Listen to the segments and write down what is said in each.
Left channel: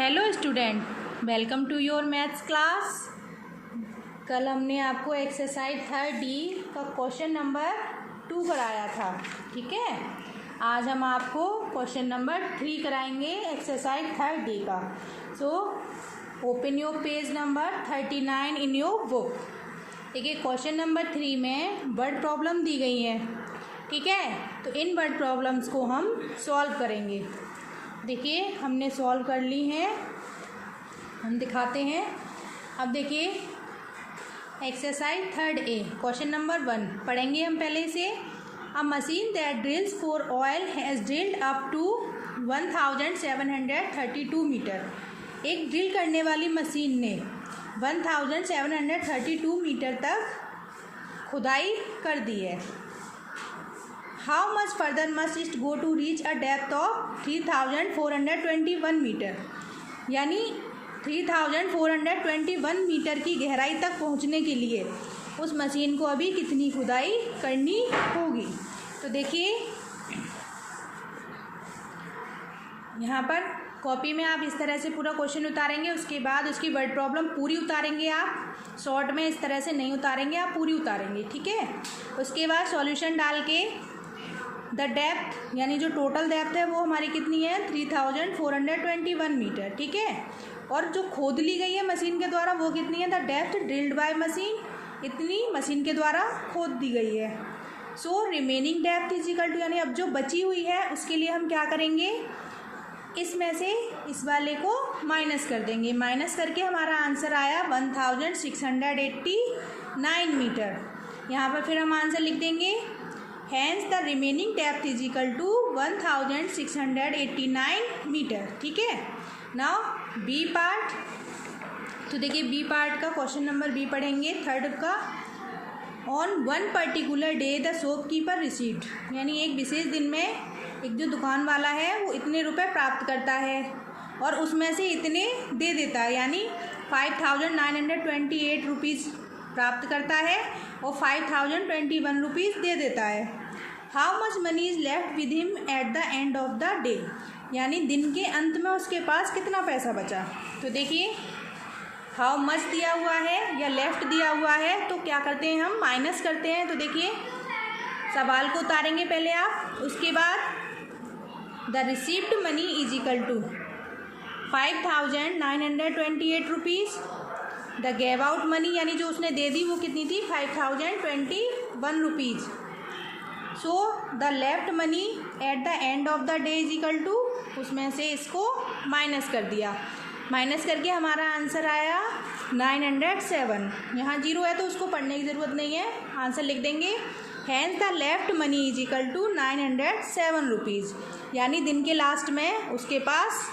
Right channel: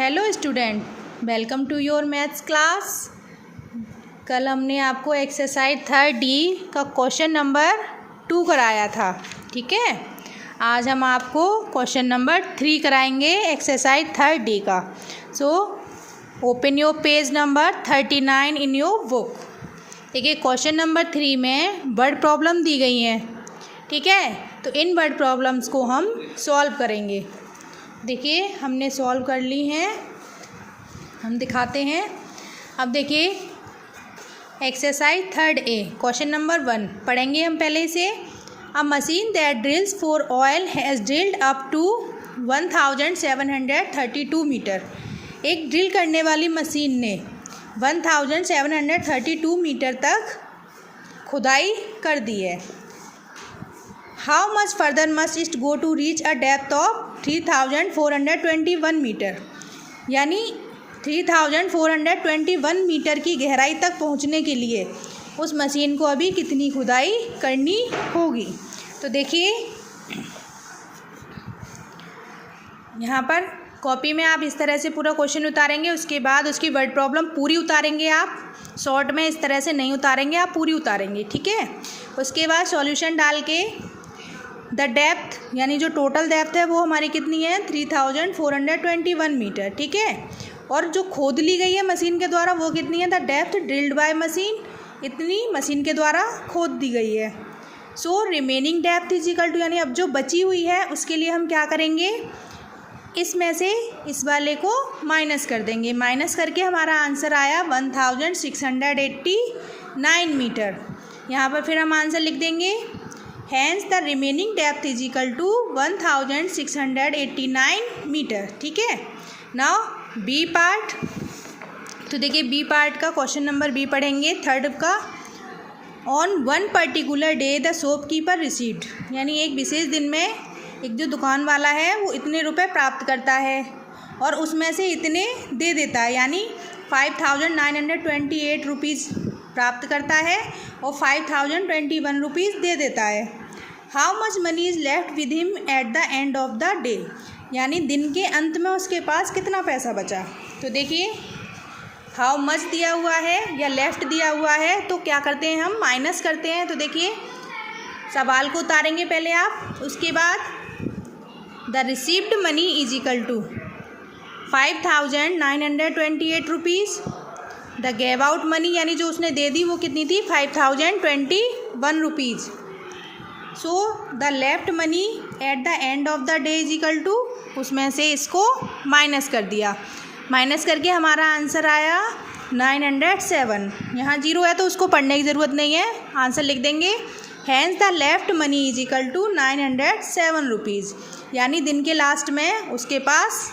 Hello student, welcome to your maths class. कल हमने आपको एक्सरसाइज 3D का क्वेश्चन नंबर 2 कराया था, ठीक है। आज हम आपको क्वेश्चन नंबर 3 कराएंगे एक्सरसाइज 3D का। So open your page number 39 in your book. देखिए, क्वेश्चन नंबर 3 में वर्ड प्रॉब्लम दी गई है, ठीक है। तो इन वर्ड प्रॉब्लम्स को हम सॉल्व करेंगे। देखिए, हमने सॉल्व कर ली हैं, हम दिखाते हैं। अब देखिए, एक्सरसाइज 3A क्वेश्चन नंबर 1 पढ़ेंगे हम पहले से। A machine that drills for oil has drilled up to 1732 metre. एक ड्रिल करने वाली मशीन ने 1732 मीटर तक खुदाई कर दी है। How much further must it go to reach a depth of 3421 metre. यानी 3421 मीटर की गहराई तक पहुंचने के लिए उस मशीन को अभी कितनी खुदाई करनी होगी। तो देखिए, यहाँ पर कॉपी में आप इस तरह से पूरा क्वेश्चन उतारेंगे, उसके बाद उसकी वर्ड प्रॉब्लम पूरी उतारेंगे। आप शॉर्ट में इस तरह से नहीं उतारेंगे, आप पूरी उतारेंगे, ठीक है। उसके बाद सॉल्यूशन डाल के द डेप्थ, यानी जो टोटल डेप्थ है वो हमारी कितनी है 3421 मीटर, ठीक है। और जो खोद ली गई है मशीन के द्वारा वो कितनी है, the depth drilled by machine, इतनी मशीन के द्वारा खोद दी गई है। So remaining depth is equal to, यानी अब जो बची हुई है उसके लिए हम क्या करेंगे, इसमें से इस वाले को माइनस कर देंगे। माइनस करके हमारा आंसर आया 1689 मीटर। यहाँ पर फिर हम आंसर लिख देंगे, hence the remaining depth is equal to 1689 metre, ठीक है। Now b part. तो देखिए, बी पार्ट का क्वेश्चन नंबर बी पढ़ेंगे, थर्ड का। On one particular day the shopkeeper received, यानी एक विशेष दिन में एक जो दुकान वाला है वो इतने रुपए प्राप्त करता है और उसमें से इतने दे देता है, यानी 5928 रुपीज़ प्राप्त करता है और 5021 रुपीज़ दे देता है। How much money is left with him at the end of the day, यानी दिन के अंत में उसके पास कितना पैसा बचा। तो देखिए, हाउ मच दिया हुआ है या लेफ्ट दिया हुआ है, तो क्या करते हैं हम, माइनस करते हैं। तो देखिए, सवाल को उतारेंगे पहले आप, उसके बाद the received money is equal to 5928 rupees. The gave out money, यानी जो उसने दे दी वो कितनी थी 5021 rupees. So the left money at the end of the day is equal to, उसमें से इसको माइनस कर दिया। माइनस करके हमारा आंसर आया 907। यहाँ जीरो है तो उसको पढ़ने की ज़रूरत नहीं है, आंसर लिख देंगे। Hence the left money is equal to 907 rupees, यानी दिन के लास्ट में उसके पास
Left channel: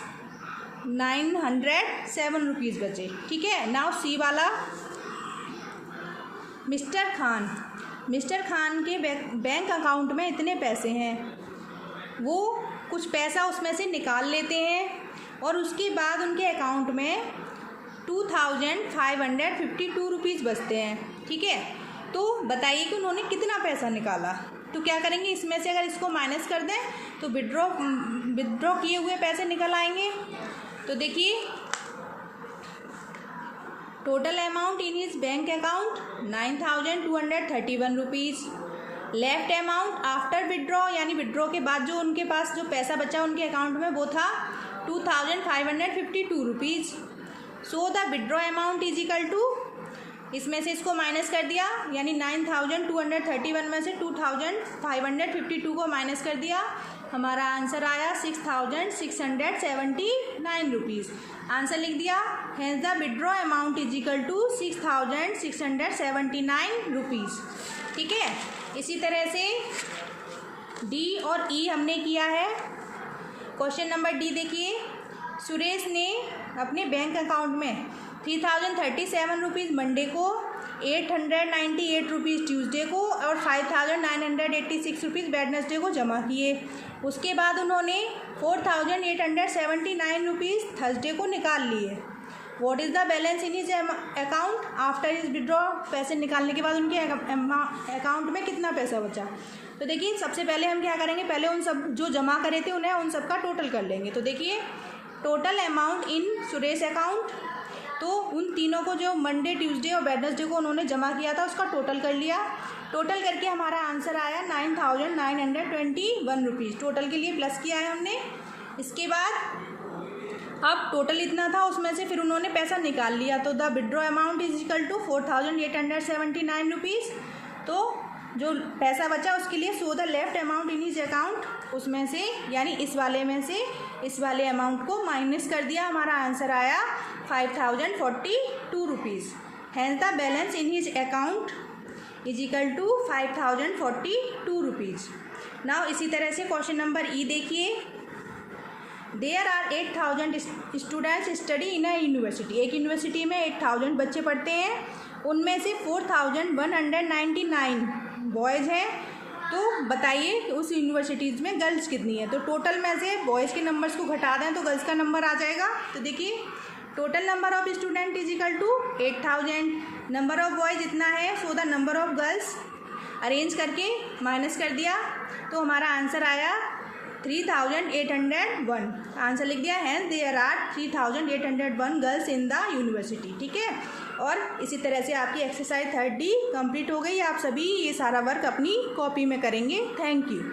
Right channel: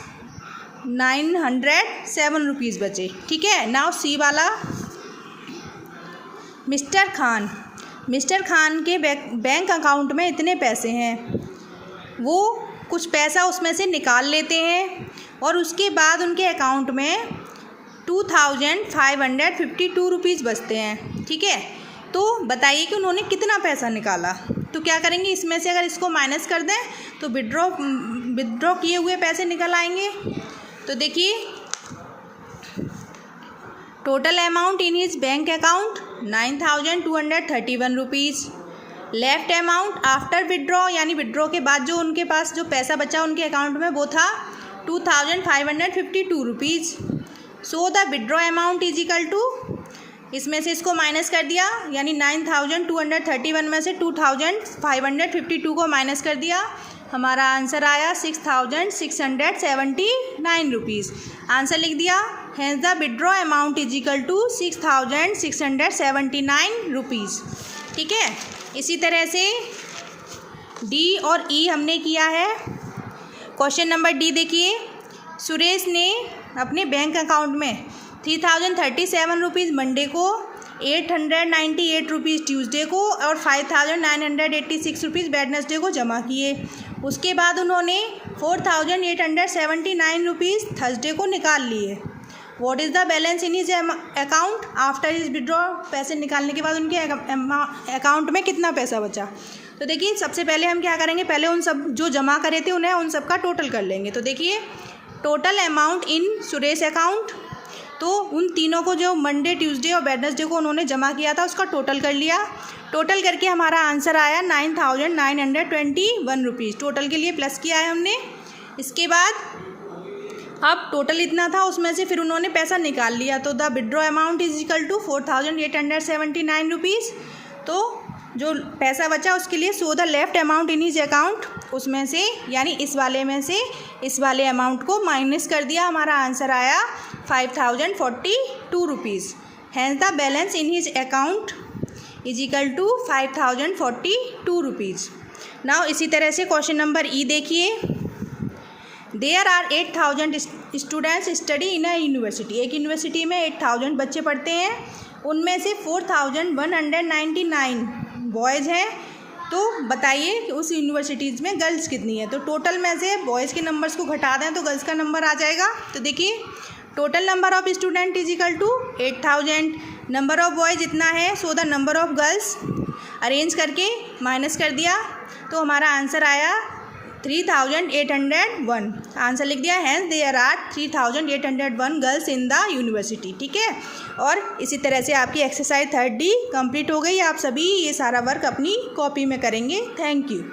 907 रुपीज़ बचे, ठीक है। नाउ सी वाला, मिस्टर खान के बैंक अकाउंट में इतने पैसे हैं। वो कुछ पैसा उसमें से निकाल लेते हैं और उसके बाद उनके अकाउंट में 2552 रुपीज़ बचते हैं, ठीक है। तो बताइए कि उन्होंने कितना पैसा निकाला। तो क्या करेंगे, इसमें से अगर इसको माइनस कर दें तो विड्रॉ किए हुए पैसे निकल आएंगे। तो देखिए, total amount in his bank account 9231 rupees. Left amount after withdraw, यानी विड्रॉ के बाद जो उनके पास जो पैसा बचा उनके अकाउंट में वो था 2552 rupees. So the withdraw amount is equal to, इसमें से इसको माइनस कर दिया, यानी 9231 में से 2552 को माइनस कर दिया, हमारा आंसर आया 6679 रुपीज़। आंसर लिख दिया, hence the withdraw amount is equal to 6679 rupees, ठीक है। इसी तरह से डी और ई हमने किया है। क्वेश्चन नंबर डी देखिए, सुरेश ने अपने बैंक अकाउंट में 3037 रुपीज़ मंडे को, 898 रुपीज़ ट्यूसडे को और 5986 रुपीज़ वेडनेसडे को जमा किए। उसके बाद उन्होंने 4879 रुपीज़ थर्सडे को निकाल लिए। What is the balance in his account after his withdraw, पैसे निकालने के बाद उनके अकाउंट में कितना पैसा बचा। तो देखिए, सबसे पहले हम क्या करेंगे, पहले उन सब जो जमा करे थे उन्हें उन सब का टोटल कर लेंगे। तो देखिए, total amount in Suresh account. तो उन तीनों को जो मंडे, ट्यूसडे और वेडनेसडे को उन्होंने जमा किया था उसका टोटल कर लिया। टोटल करके हमारा आंसर आया 9,921 रुपीज़। टोटल के लिए प्लस किया है हमने। इसके बाद अब टोटल इतना था, उसमें से फिर उन्होंने पैसा निकाल लिया। तो the withdraw amount is equal to 4,879 rupees. तो जो पैसा बचा उसके लिए so the left amount in his account, उसमें से यानी इस वाले में से इस वाले अमाउंट को माइनस कर दिया। हमारा आंसर आया 5,042 rupees. Hence the balance in his account is equal to 5,042 rupees. Now इसी तरह से क्वेश्चन नंबर ई देखिए। There are 8,000 students study in a university. एक यूनिवर्सिटी में 8,000 बच्चे पढ़ते हैं, उनमें से 4,199 बॉयज़ हैं। तो बताइए कि उस यूनिवर्सिटीज़ में गर्ल्स कितनी है। तो टोटल में से बॉयज़ के नंबर्स को घटा दें तो गर्ल्स का नंबर आ जाएगा। तो देखिए total number of student is equal to 8,000, number of boys इतना है, so the number of girls arrange करके माइनस कर दिया तो हमारा आंसर आया 3,801। आंसर लिख दिया। Hence there are 3,801 girls in the university. ठीक है, और इसी तरह से आपकी एक्सरसाइज 3D कंप्लीट हो गई। आप सभी ये सारा वर्क अपनी कॉपी में करेंगे। Thank you.